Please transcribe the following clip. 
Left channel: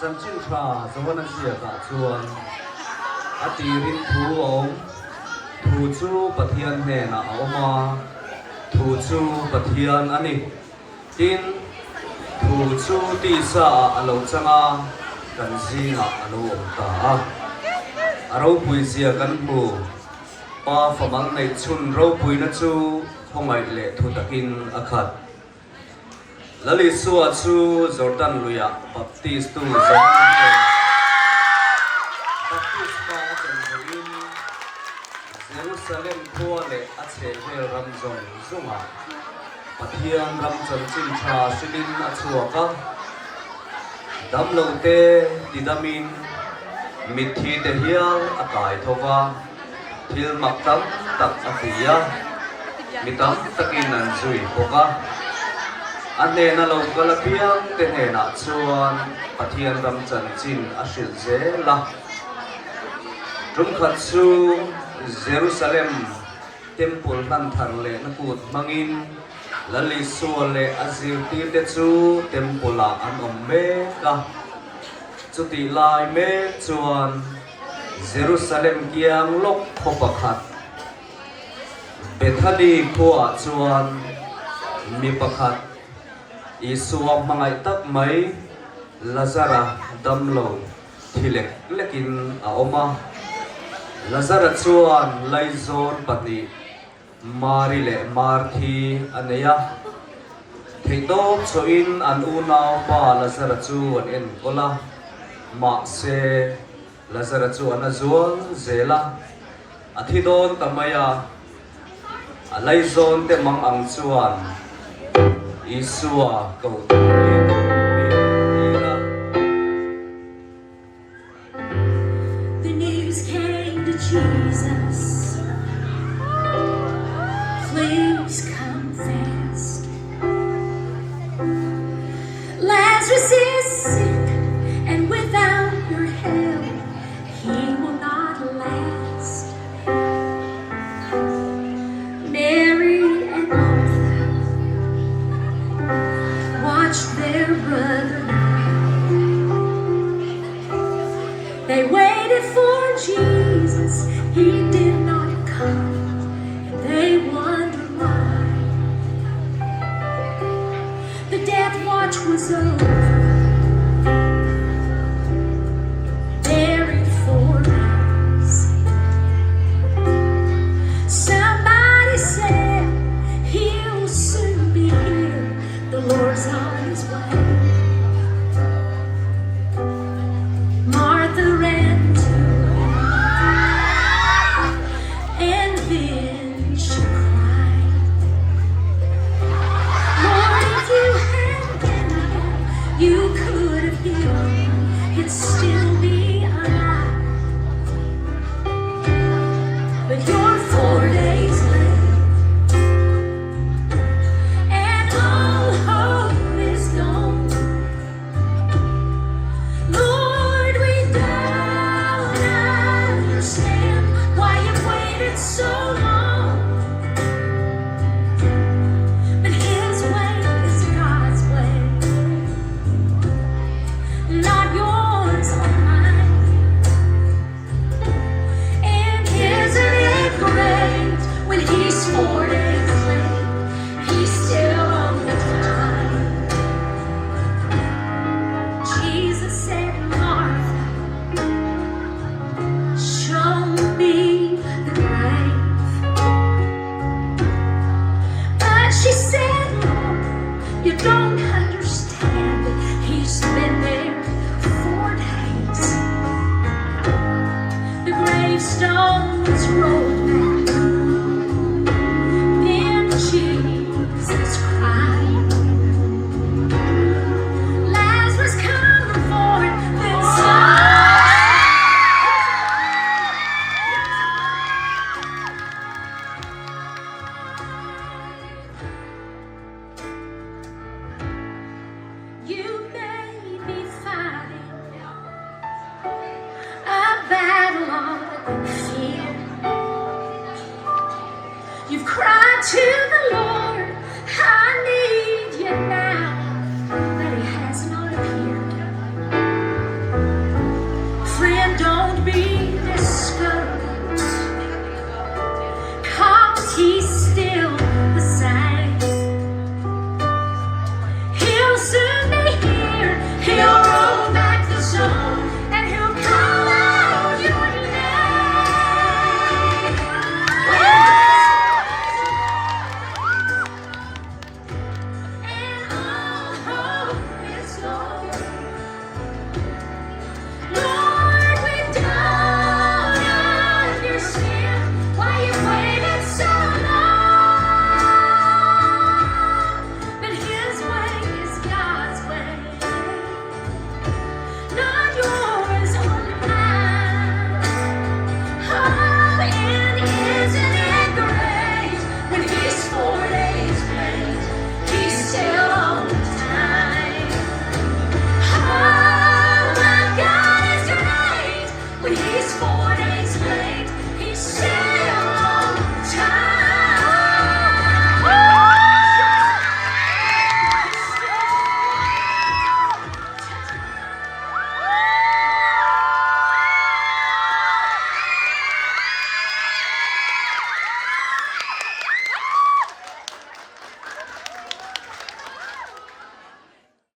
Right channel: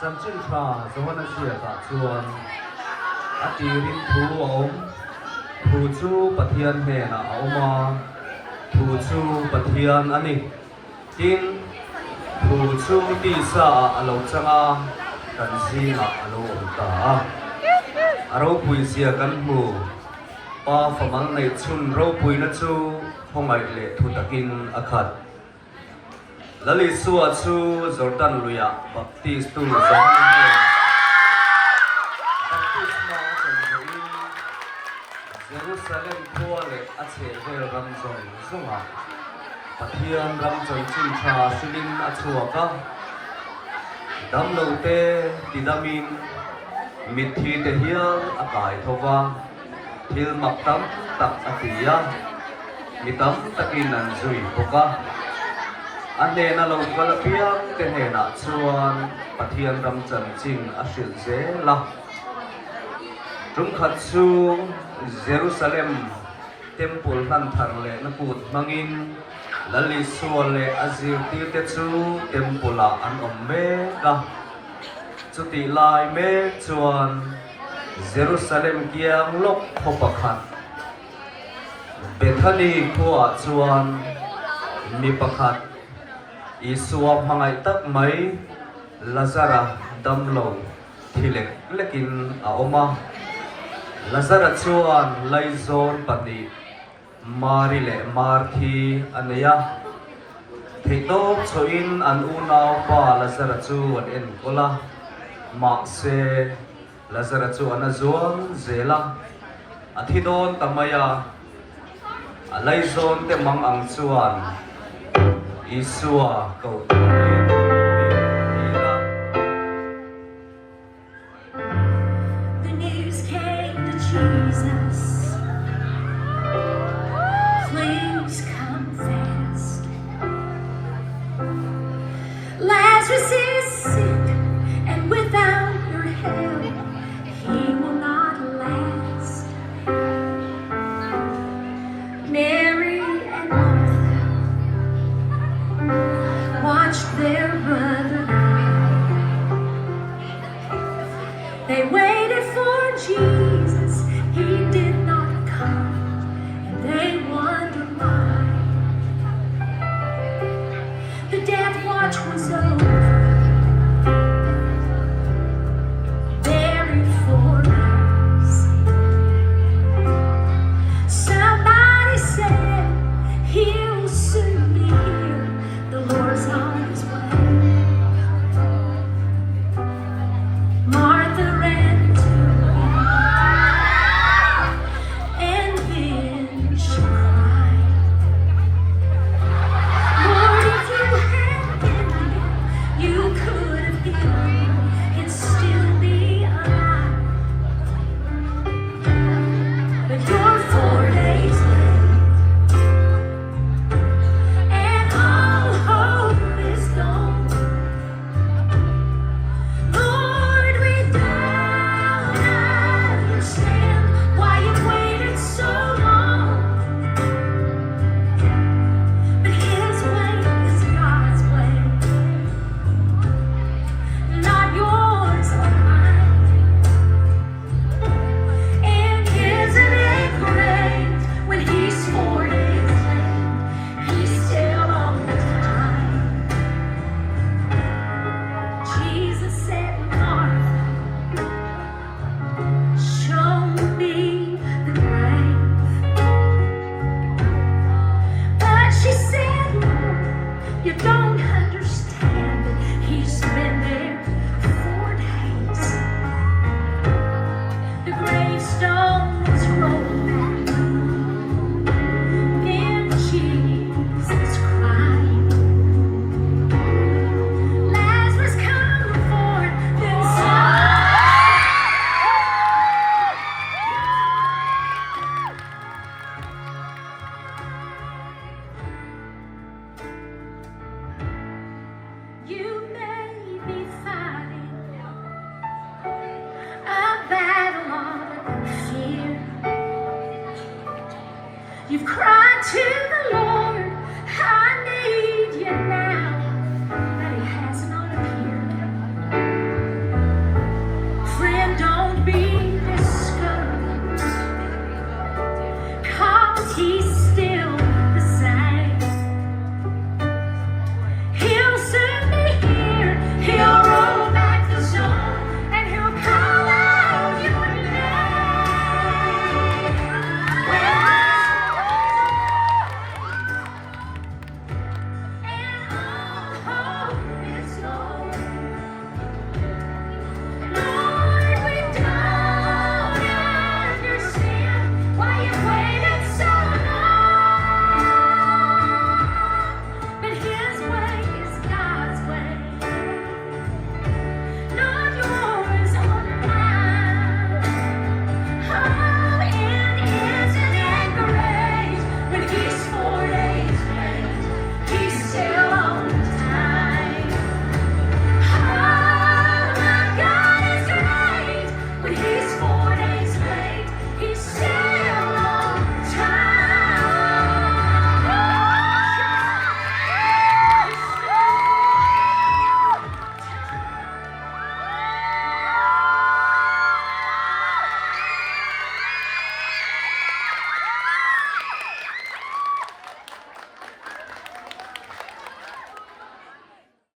จันจินทราสวรรค์เสียตะชวนอดีรินทูองทูชูปะเทียนแห่นะเอามาทูชูปะเทียนอันนี้กินทูชูตีสาอโลจังกันซีมาอโลตาเราปุยเสียกันบูป้าฝมันในชุนเราปุยนัชูพงไอเล่ทุตกินอคัดและลิสวาชูจอร์แดนลุยาบัพติสตุลิซาบัพติสมาจันทรินเยรูซาเล็มทัวเล่อาเชเฮรัมจงสมาปะเทียมรัมจงจินชาสิลินอาชัวปะดัมโลเตดิดามินมิทีเดฮิยาอากาศทว่าทิลมักตัมตักอภิยามิตัมตะกินนันซุยปกะอันเนนเราก็ละเพียงแต่เนน่าชวนปะเทียนรำจันจินอาศิลเซละตรงขัดซูเยรูซาเล็มเต็มปุลฮันทาร์เลนักุดมังอินละลิสวเลอาซิลตีเตซูเต็มปุลาอันอมเมกะจุดที่ลายเมชวนเยรูซาเล็มเกียงลบพบขัดเบธานีพัวชวนมีประคัดอิสวามังไอตักไม่ลาซาระดัมโลที่เล็กเล็กินอาอมาลาซาระชวนไลโซนปฏิมาริเลมาร์คีอันเนียที่โตชวินอันอุณาปาลาซาระชวนเอ็นโกลามาเซลาซาระชวนอันจวนเซลาอาทิโดนตามายาไลโซนเตมังอังชวนIsua kau The news came to Jesus. Please come fast. Lazarus is sick, and without your help, he will not last. Mary and Martha watched their brother. They waited for Jesus, he did not come, and they wondered why. The death watch was over, buried 4 days. Somebody said he will soon be here. The Lord's on his way. Martha ran to him, and then she cried, Lord, if you had been here, you could have healed him and still be alive. But you're 4 days late, and all hope is gone. Lord, we don't understand why you waited so long. But His way is God's way, not yours or mine. And isn't it great when He's 4 days late, He's still on the time. Jesus said, Martha, show me the grave. But she said, Lord, you don't understand. He's been there 4 days. The gravestones rolled back. Then Jesus cried, Lazarus, come forth. Then you may be fighting a battle on the field. You've cried to